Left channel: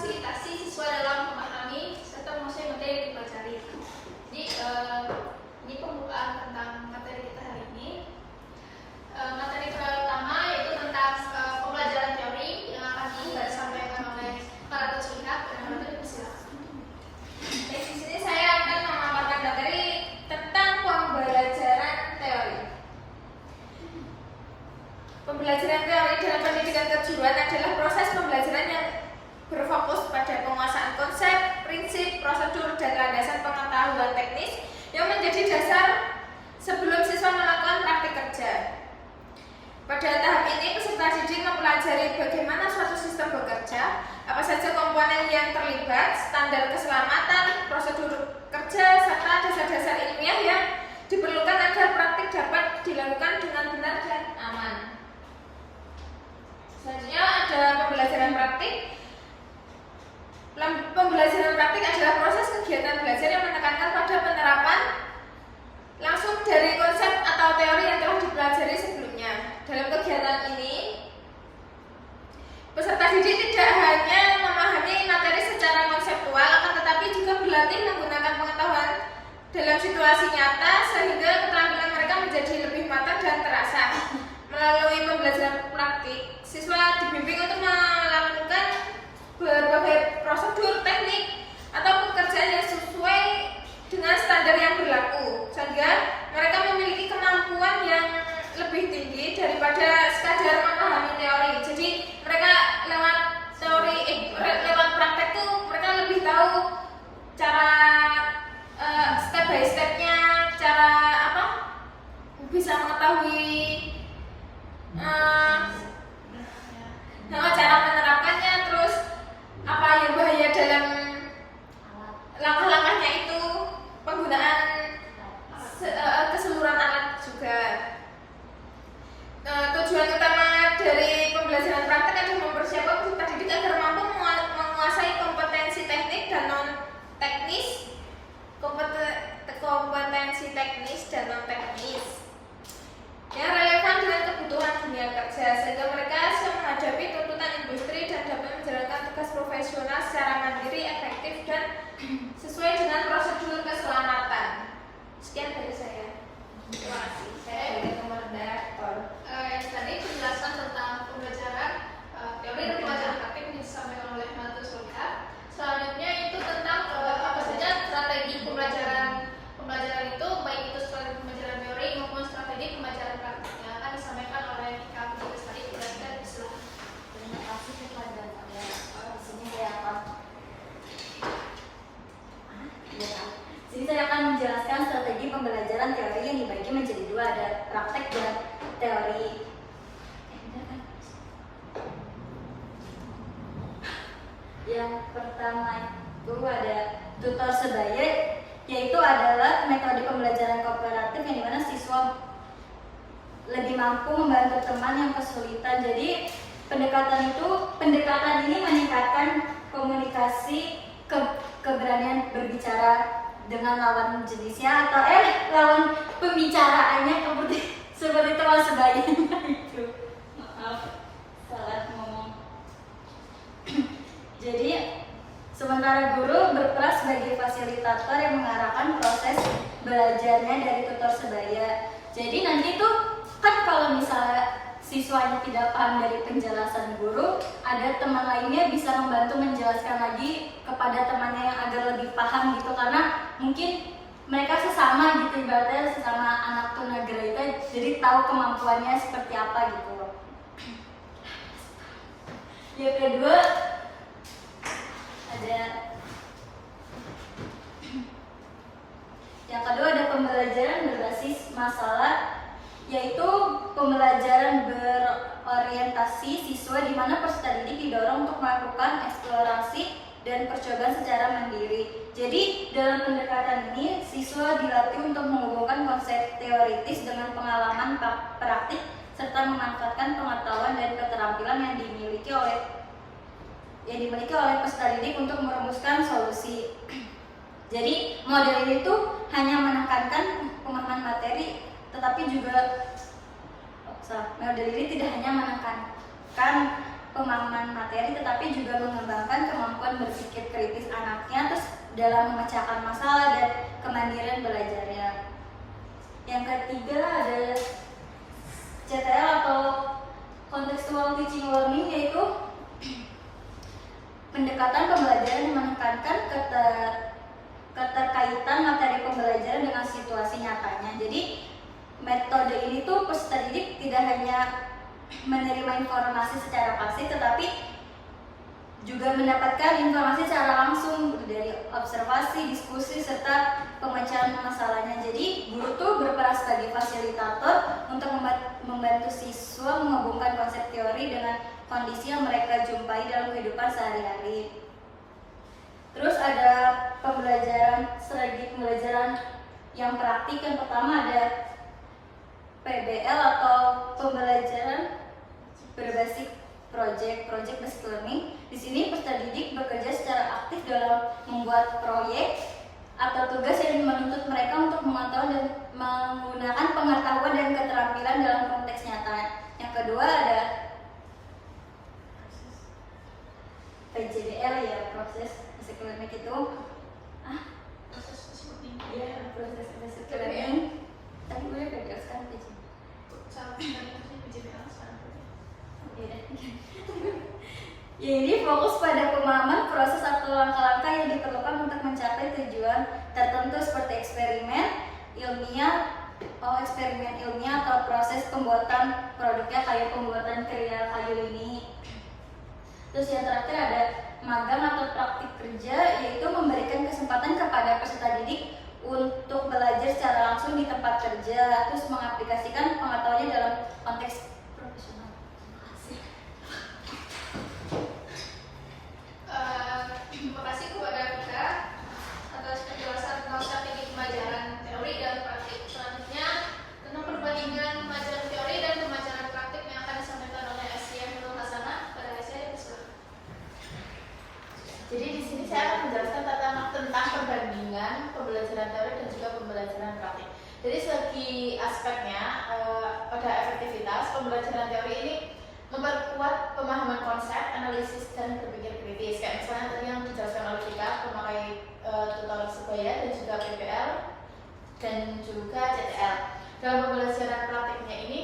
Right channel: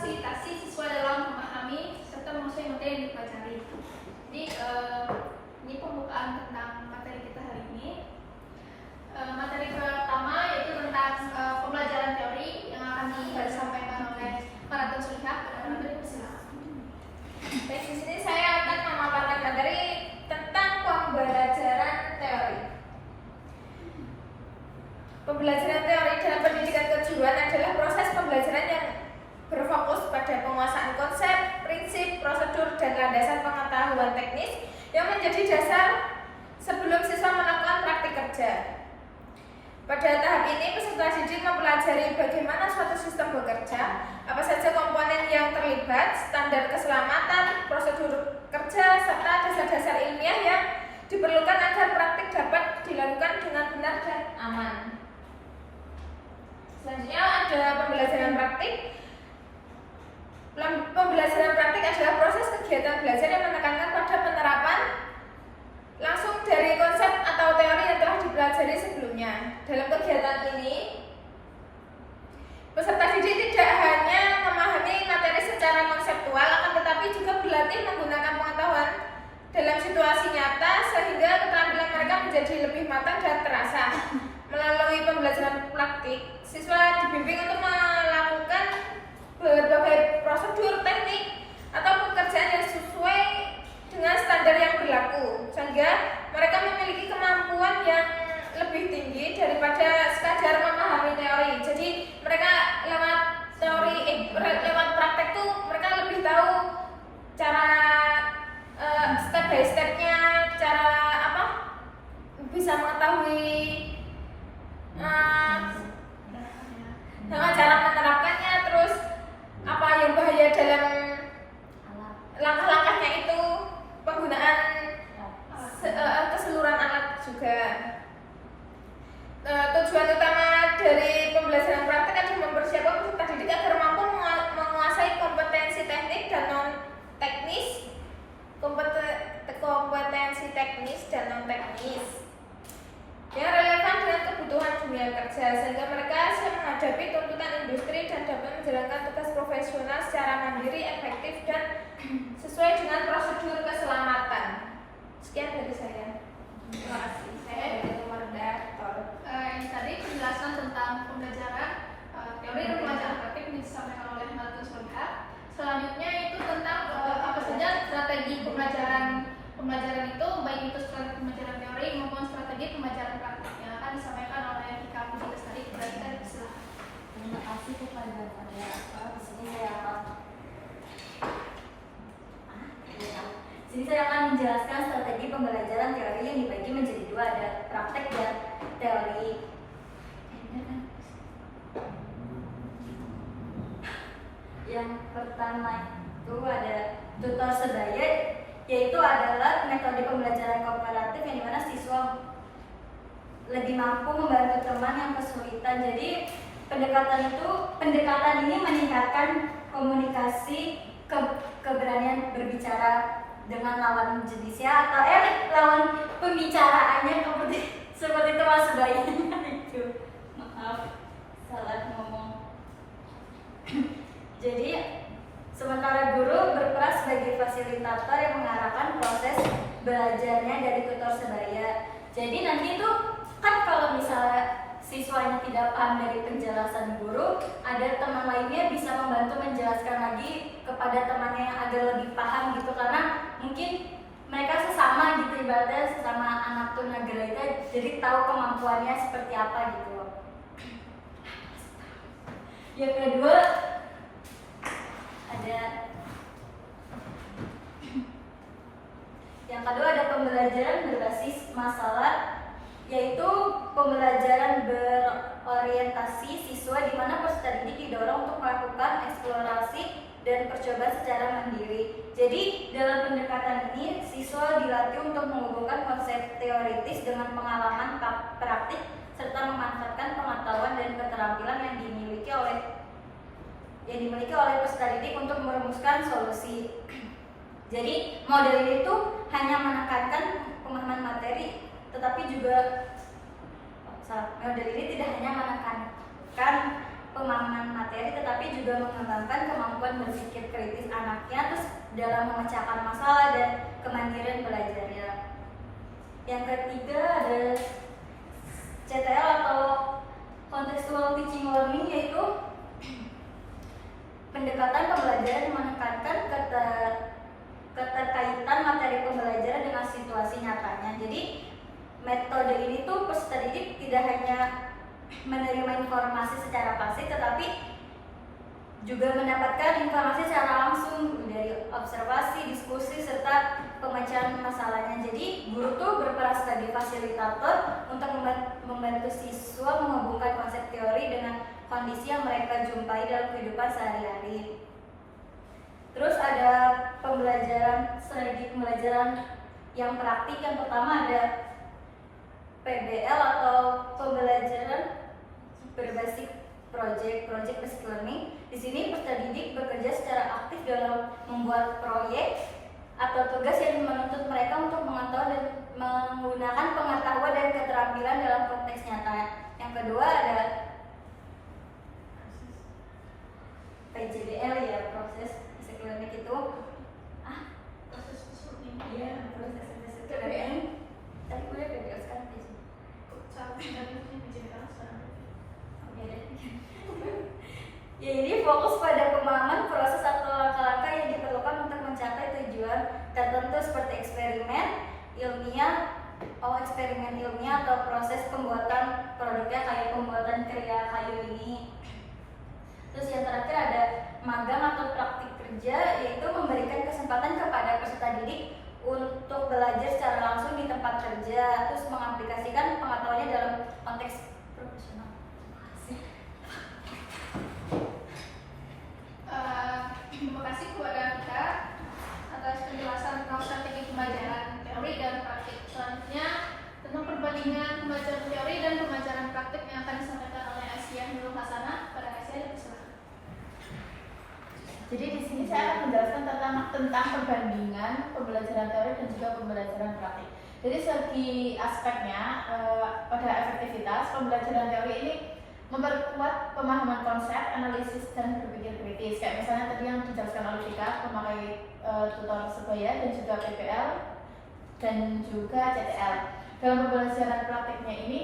memfasilitasi siswa dalam memahami serta menguasai materi yang dipelajari. Jadi ini pembukaan tentang materi kita hari ini. Materi pertama yaitu tentang pembelajaran teori yang akan disampaikan oleh para Sulika. Baik, di sini saya akan memaparkan materi tentang pembelajaran teori. Pembelajaran teori dalam pendidikan kejuruan adalah proses pembelajaran yang berfokus pada penguasaan konsep, prinsip, prosedur, dan landasan pengetahuan teknis yang menjadi dasar sebelum siswa melakukan praktik kerja. Pada tahap ini, peserta didik mempelajari bagaimana suatu sistem bekerja, apa saja komponen yang terlibat, standar keselamatan, prosedur kerja, serta dasar-dasar ilmiah yang diperlukan agar praktik dapat dilakukan dengan benar dan aman. Selanjutnya ada pembelajaran praktik. Pembelajaran praktik adalah proses kegiatan belajar yang menekankan pada penerapan langsung dari konsep atau teori yang telah dipelajari sebelumnya. Dalam kegiatan ini, peserta didik tidak hanya memahami materi secara konseptual, akan tetapi juga berlatih menggunakan pengetahuan dalam situasi nyata sehingga keterampilan mereka menjadi lebih matang dan terasa. Melalui pembelajaran praktik, siswa dibimbing untuk melakukan berbagai prosedur teknik atau pekerjaan yang sesuai dengan standar yang berlaku, sehingga mereka memiliki kemampuan yang lebih tinggi daripada sekadar memahami teori. Jadi mereka lewat teori, lewat praktek tuh mereka lebih tahu cara step by stepnya, cara apa bisa mengetahui cara menerapkannya, terus apa yang bahaya dalam langkah-langkahnya itu, penggunaan keseluruhan alat juga. Tujuan utama dari pembelajaran praktek adalah mempersiapkan peserta didik agar mampu menguasai kompetensi teknik dan non teknis, kompetensi teknis dan non teknis yang relevan dengan kebutuhan dunia kerja, sehingga mereka siap menghadapi tuntutan industri dan dapat menjalankan tugas profesional secara mandiri, efektif, dan sesuai dengan prosedur keselamatan. Sekian dari saya. Terima kasih. Saya dari moderator. Yang tadi penjelasan tentang pembelajaran teori dan pembelajaran praktik yang disampaikan oleh Mbak Sulika. Selanjutnya itu tentang apa saja strategi pembelajaran itu, baik itu strategi pembelajaran teori maupun strategi pembelajaran praktik yang akan disampaikan oleh Kak Budi Bestari. Kita dipersilakan. Terima kasih kepada saya. Di sini saya akan menjelaskan strategi pembelajaran teori yang dibagi menjadi dua, ada praktek dan teori. Yang pertama itu ada tutor sebaya, yaitu adalah metode pembelajaran kooperatif yang dimana siswa lebih mampu membantu teman yang kesulitan. Jadi pendekatan ini meningkatkan komunikasi, keberanian berbicara dengan lawan jenisnya atau lawan pembicaraannya seperti teman sebaya itu. Maaf, salah ngomong. Jadi sementara guru berperan sebagai fasilitator yang mengarahkan proses belajarnya dari tutor sebaya. Jadi nanti tuh kan kalau misalnya siswanya tidak paham dari penjelasan guru, ada teman lainnya bisa membantu menjelaskan lagi kepada temannya yang agar lebih paham gitu, karena mungkin mereka sesama gitu, ibaratnya sesama anak tunagrahita, jadi tahu kemampuannya seperti apa gitu loh. Yang kedua ada pembelajaran berbasis masalah, yaitu pembelajaran berorientasi siswa di mana peserta didik didorong untuk melakukan eksplorasi dan percobaan secara mandiri. Jadi dalam pendekatan ini siswa dilatih untuk menghubungkan konsep teoritis dengan pengalaman praktik serta memanfaatkan pengetahuan dan keterampilan yang dimiliki oleh peserta didik untuk merumuskan solusi. Jadi model itu hanya menekankan pemahaman materi, tetapi juga model ini tidak hanya menekankan pemahaman materi, tetapi juga mengembangkan kemampuan berpikir kritis anaknya, terus dalam memecahkan masalah dan kemandirian belajarnya. Yang ketiga ada CTL atau contextual teaching learning, yaitu pendekatan pembelajaran yang menekankan keterkaitan materi pembelajaran dengan situasi nyatanya. Jadi metode ini tuh peserta didik tidak hanya menerima informasi secara pasif, tetapi juga mendapatkan informasi secara langsung dari observasi, diskusi, serta pemecahan masalahnya. Jadi guru tuh berperan sebagai fasilitator untuk membantu siswa menghubungkan konsep teori dengan kondisi yang mereka jumpai dalam kehidupan sehari-hari. Terus ada strategi pembelajaran yang praktik. Yang pertama ada PBL atau pembelajaran berbasis project based learning. Di sini peserta didik bekerja secara aktif dalam membuat proyek atau tugas yang menuntut mereka untuk mengetahui dan menggunakan pengetahuan dan keterampilan dalam konteks nyata. Yang kedua ada PJDL, ya, proses basic learning itu proses basic learning. Tadi gue udah jelaskan di sini. Ya, ini fokus pada pemahaman proses atau langkah-langkah yang diperlukan untuk mencapai tujuan tertentu seperti eksperimen ilmiah atau proses pembuatan produknya kayak pembuatan karya kayu ini. Terus yang terakhir ada magang atau praktik kerja, yaitu memberikan kesempatan kepada peserta didik untuk belajar secara langsung di tempat kerja, terus mengaplikasikan pengetahuannya dalam konteks profesional. Terima kasih kepada Rika atas penjelasan tentang strategi pembelajaran teori dan praktik. Selanjutnya tentang perbandingan pembelajaran teori dan pembelajaran praktik yang akan disampaikan oleh Asia Nurul Hasanah. Pada Asia, dipersilakan. Jadi di sini saya akan menjelaskan tentang perbandingan pembelajaran teori dan juga pembelajaran praktik. Jadi segi aspeknya pada efektivitas pembelajaran teori ini memperkuat pemahaman konsep, analisis, dan berpikir kritis. Kayak misalnya tadi yang dijelaskan oleh Vika memakai tutor sebaya dan juga PPL dan juga CTL. Dalam pembelajaran praktiknya ini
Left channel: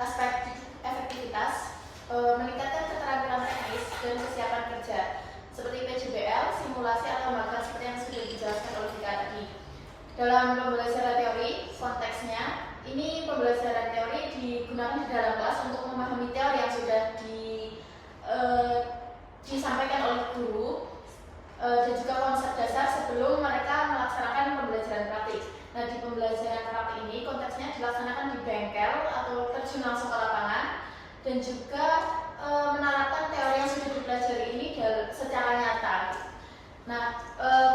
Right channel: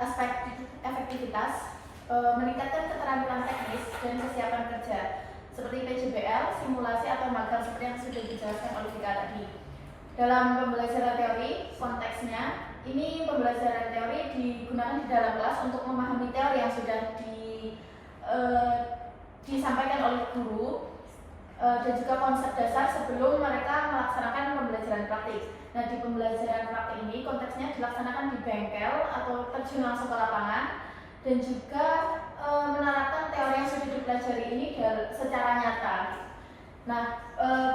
aspek efektivitas meningkatkan keterampilan teknis dan kesiapan kerja seperti PJBL, simulasi atau magang seperti yang sudah dijelaskan oleh Vika tadi. Dalam pembelajaran teori, konteksnya ini pembelajaran teori digunakan di dalam kelas untuk memahami teori yang sudah disampaikan oleh guru dan juga konsep dasar sebelum mereka melaksanakan pembelajaran praktik. Nah, di pembelajaran praktik ini konteksnya dilaksanakan di bengkel atau terjun langsung ke lapangan dan juga menerapkan teori yang sudah dipelajari ini secara nyata. Nah,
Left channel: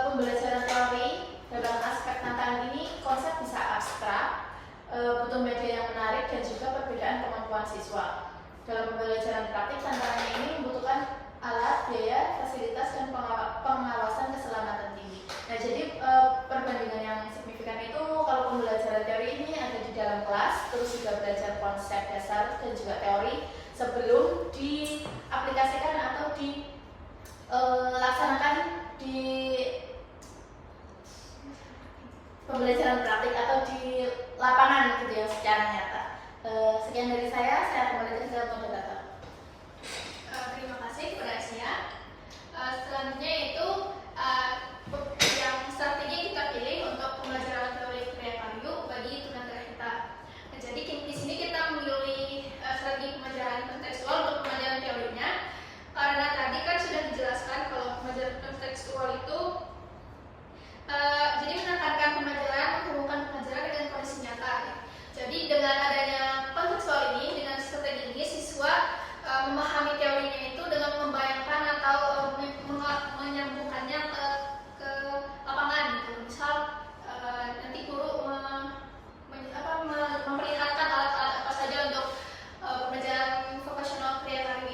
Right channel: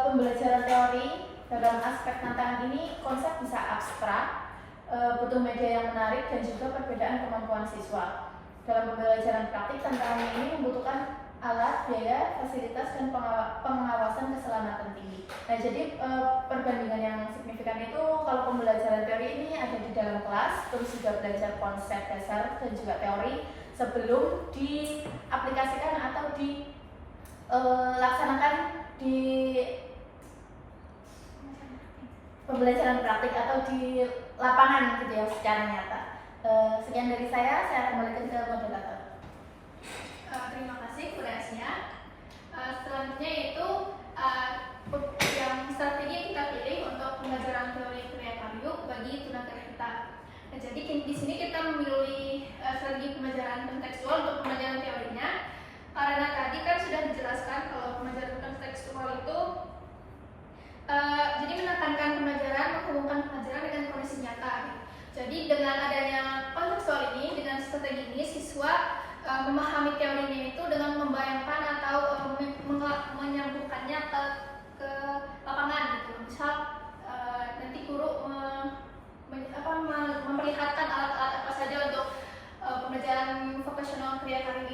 pembelajaran teori dalam aspek tantangan ini konsep bisa abstrak, butuh media yang menarik dan juga perbedaan kemampuan siswa. Dalam pembelajaran praktik, tantangannya ini membutuhkan alat, biaya, fasilitas, dan pengawasan keselamatan tinggi. Nah, jadi perbandingan yang signifikan itu kalau pembelajaran teori ini ada di dalam kelas, terus juga belajar konsep dasar dan juga teori sebelum diaplikasikan atau dilaksanakan di pembelajaran praktik atau di lapangan gitu ya, secara nyata. Sekian dari saya akan kembali ke moderator. Terima kasih kepada Asia. Selanjutnya itu yang strategi kita pilih untuk pembelajaran teori karya kayu bagi tunagrahita. Nah, jadi di sini kita memilih strategi pembelajaran kontekstual untuk pembelajaran teorinya karena tadi kan sudah dijelaskan kalau pembelajaran kontekstual itu jadi menekankan pembelajaran, menghubungkan pembelajaran dengan kondisi nyata. Jadi dengan adanya kontekstual ini, dengan strategi ini, siswa memahami teorinya itu dengan membayangkan atau menyambungkannya ke lapangan gitu. Misal nanti guru memperlihatkan alat-alat apa saja untuk pembelajaran vocational karya kayu